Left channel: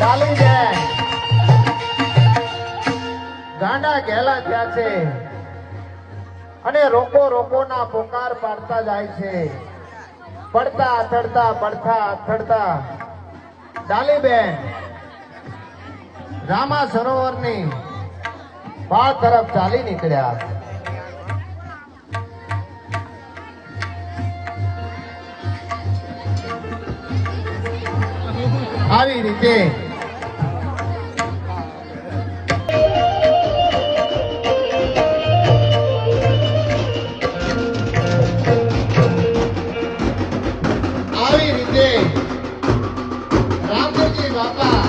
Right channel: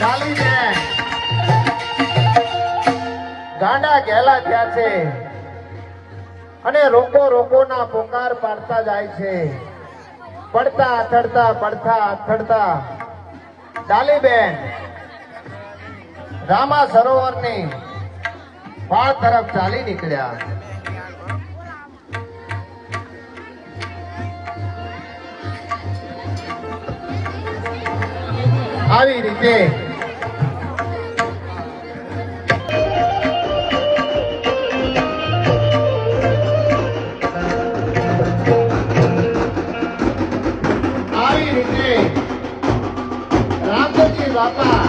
ડાલી બેન ગાંડા ઘેલા થયા છે અને રોકો રોકો ના પોકાર પાડતા જાય છે. પડતા અથડતા ડાલી બેન રામા સરોવર ની પાળ તરફ ચાલી નીકળ્યા. આવી રીતે રામજી બાપા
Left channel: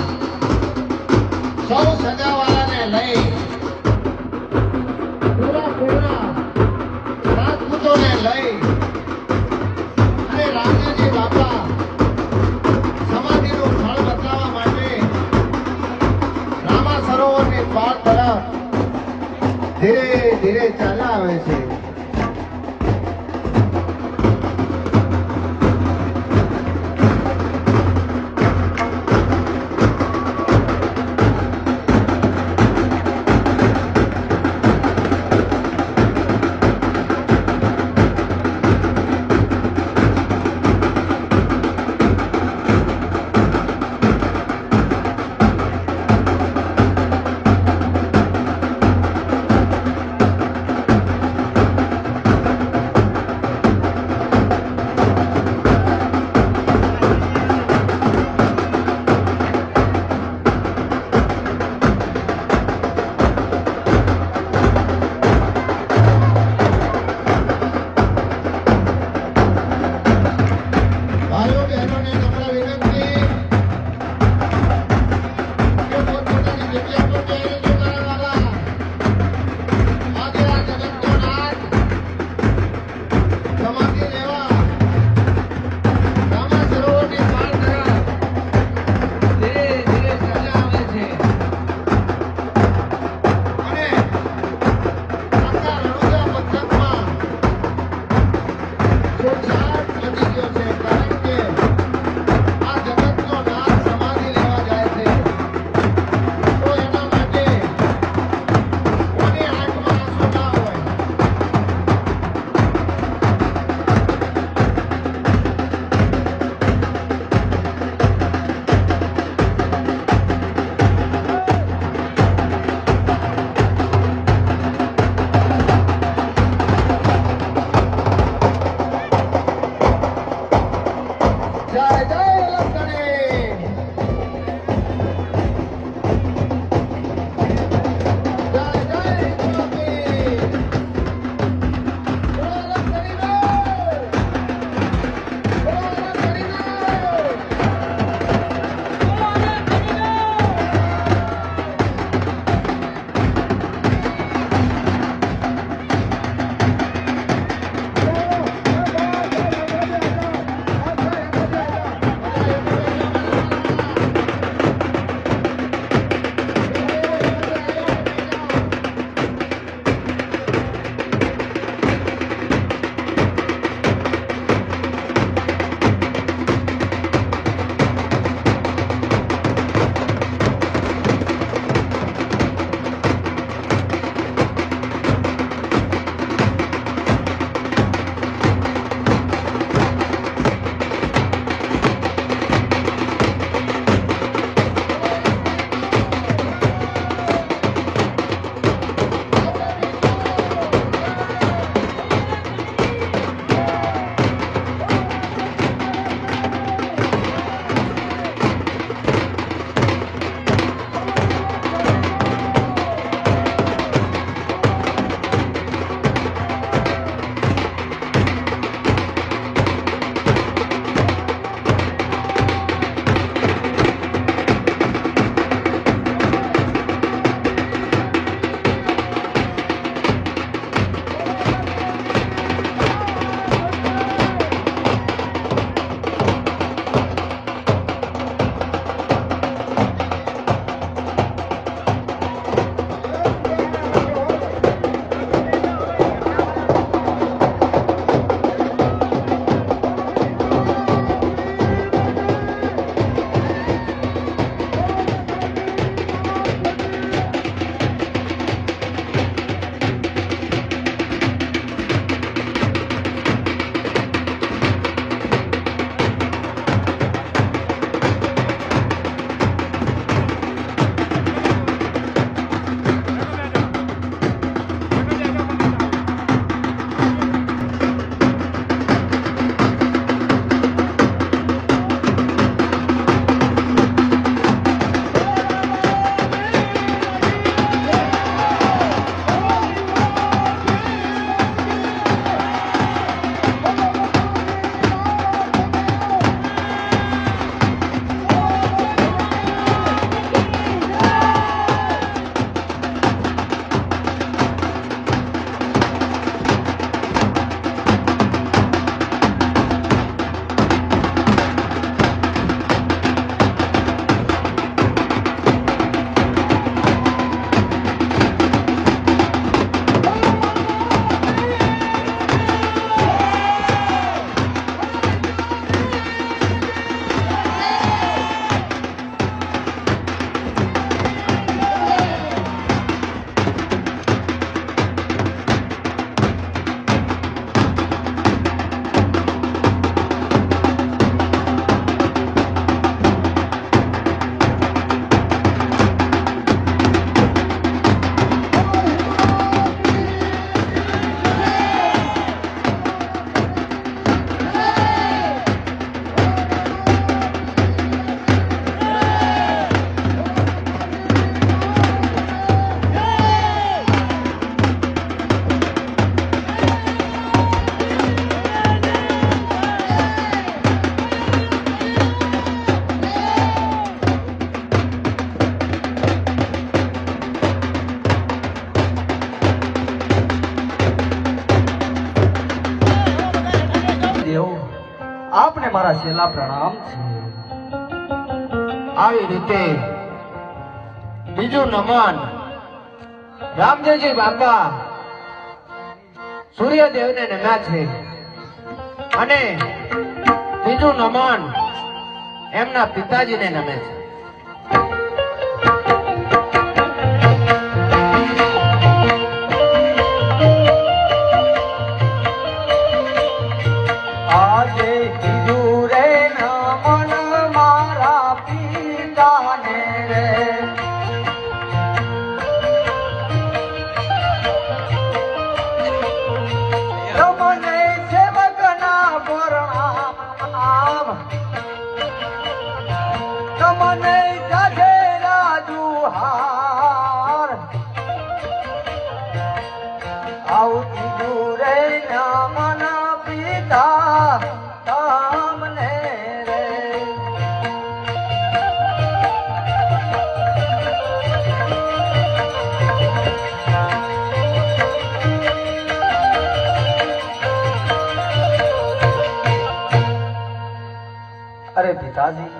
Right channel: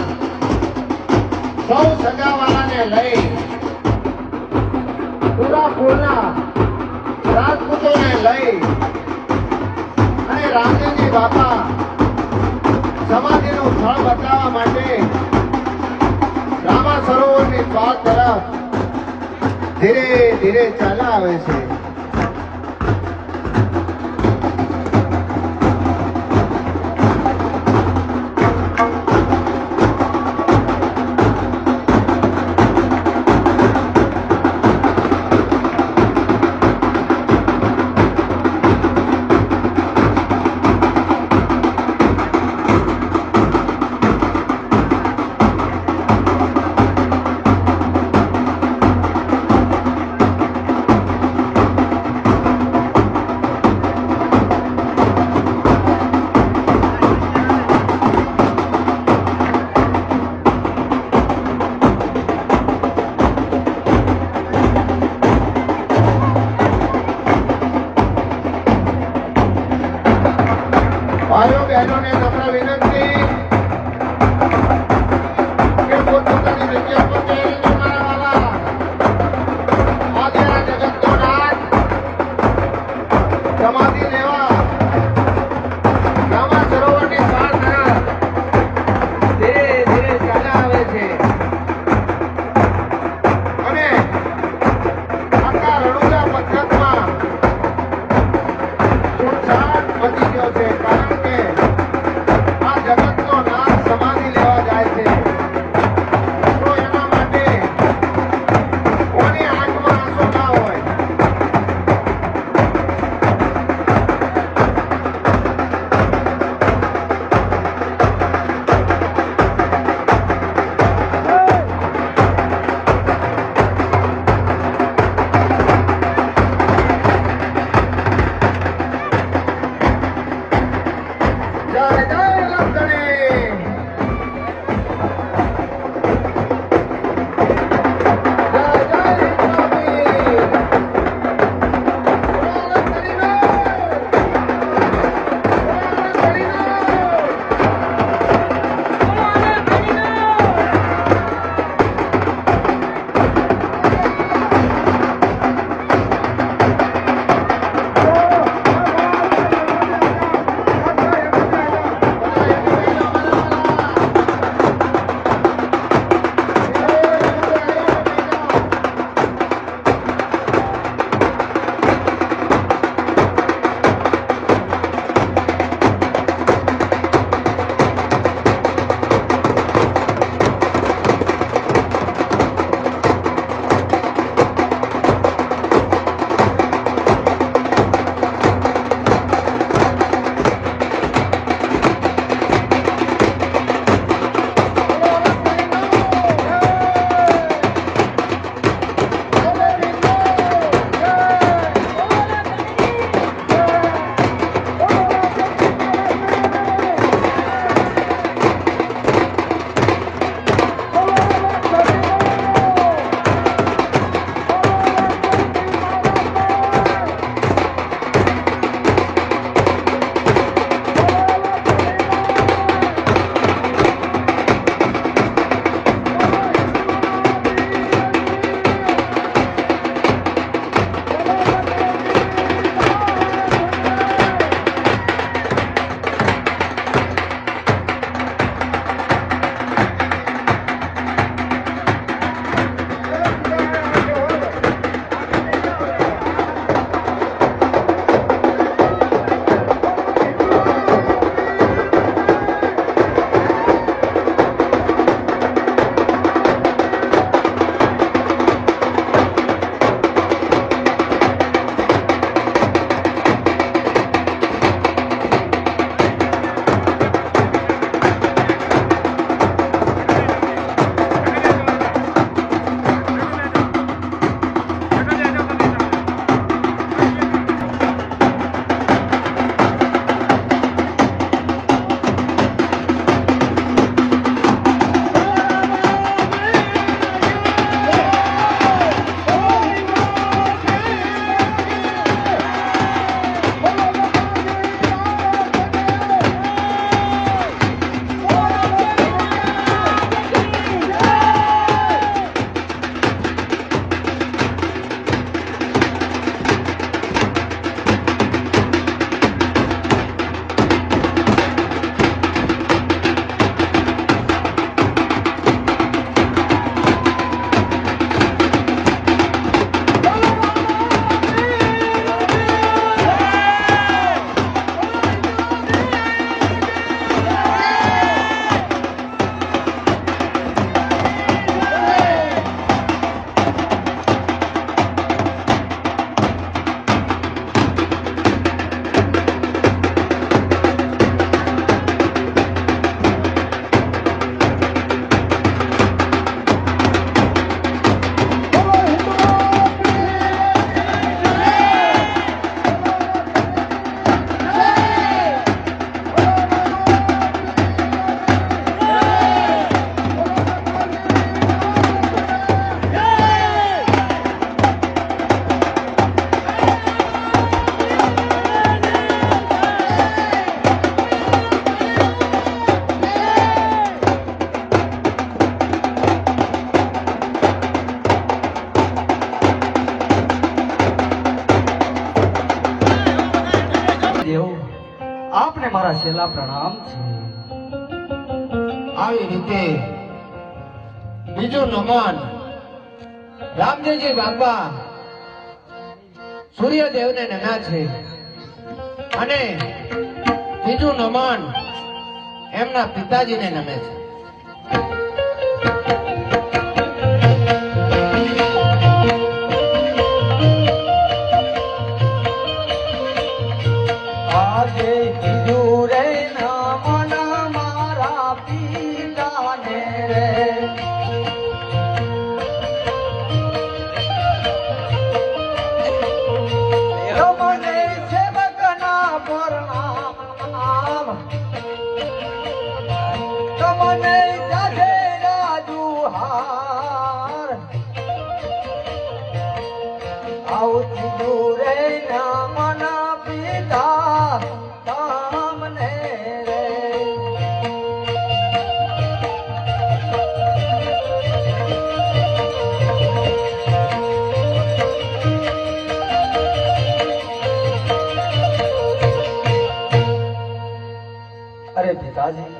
સૌ સગાવાળાને લઈ પૂરા પૂરના રાજપૂતોને લઈ અને રામજી બાપા સમાધિનું ફળ બતાવવા માટે રામા સરોવરની પાળ તરફ ધીરે ધીરે ચાલ્યા આવે છે. મારા છેલ્લા પ્રણામ છે. આવી રીતે બીજું નમન રામદેવજી બાપા સૂર્યદેવને નમ્યા છે અને બીજું નમન એમના પિતાજીને નમે છે. આજે કીધું રે નમન મારા પિતાને રે. રમને સેવકના પ્રણામ. તમને ગધેડા દુહાર. આવતી દૂરે નમન પિતા તમને રે. અરે પિતાજી,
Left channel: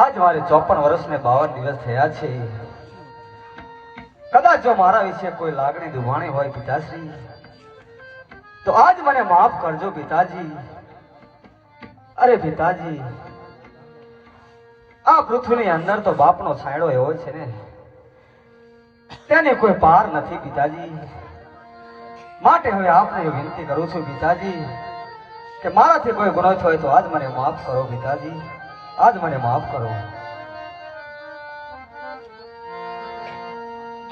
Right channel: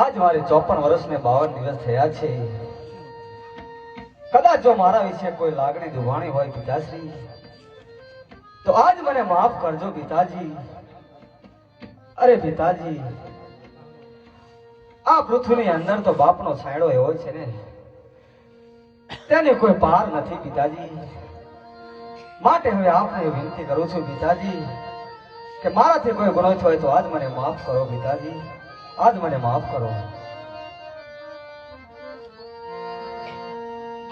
આજ મારે 54 વર્ષ ને 52 દિવસ થયા છે. કદાચ જો મારા વિશે કોઈ લાગણી દુભાણી હોય પિતાશ્રી, તો આજ મને માફ કરજો પિતાજી. અરે પિતાજી, આ પૃથ્વીની અંદર તો બાપનો છાંયડો એવો છે ને, તેની કોઈ પાર નથી પિતાજી. માટે હવે આપને વિનંતી કરું છું પિતાજી કે મારાથી કોઈ ગુનો થયો તો આજ મને માફ કરો પિતાજી. આજ મને માફ કરો.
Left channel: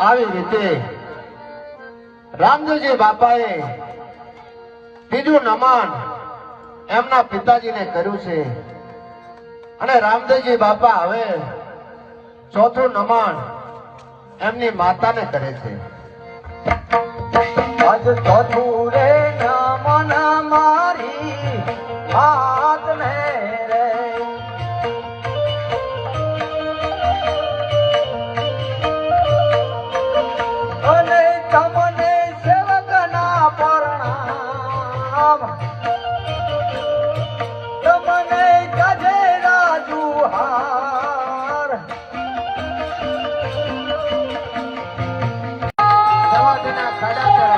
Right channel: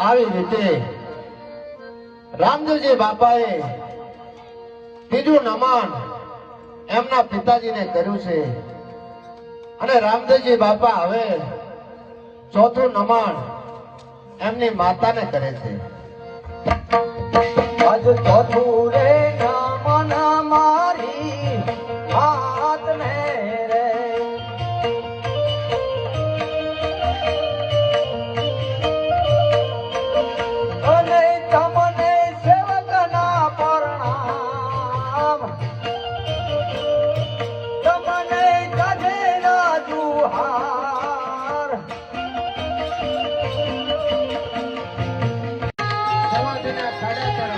આવી રીતે રામદેવજી બાપાએ બીજું નમન એમના પિતાજીને કર્યું છે અને રામદેવજી બાપા હવે ચોથું નમન એમની માતાને કરે છે. આજ ચોથું રે નમન મારી માતને રે. અને તમને સેવકના પ્રણામ. તમને ગધેડા દુહાર. સમાધિના ખડા કરો.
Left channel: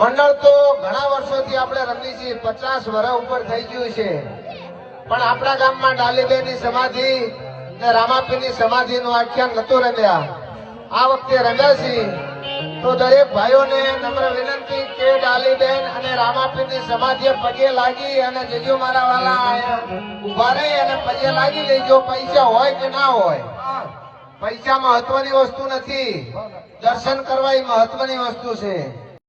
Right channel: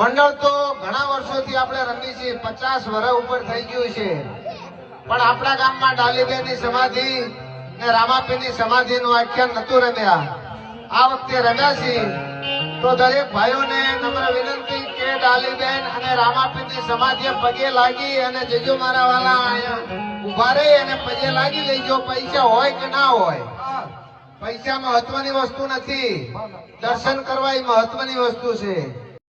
મંડળ તો ઘણા વર્ષોથી આપણે રમી છીએ, 50 વર્ષ ઉપર થઈ ગયું છે, પણ આપણા ગામમાં ડાલીબેનની સમાધિ ને રામાપીરની સમાધિનું આખ્યાન નતું રમ્યા. આ વખતે રમ્યા છીએ તો દરેક ભાઈઓને નમ્ર વિનંતી કે ડાલીબેન અને રામાપીરની સમાધિએ પગે લાગી અને જેજો મારા વાલા ઉભા રહી અને પગે લાગી લેજો. પૈસા હોય કે ના હોય, પૈસા મહત્વની વસ્તુ નથી, દર્શન કરવા એ મહત્વની વસ્તુ છે.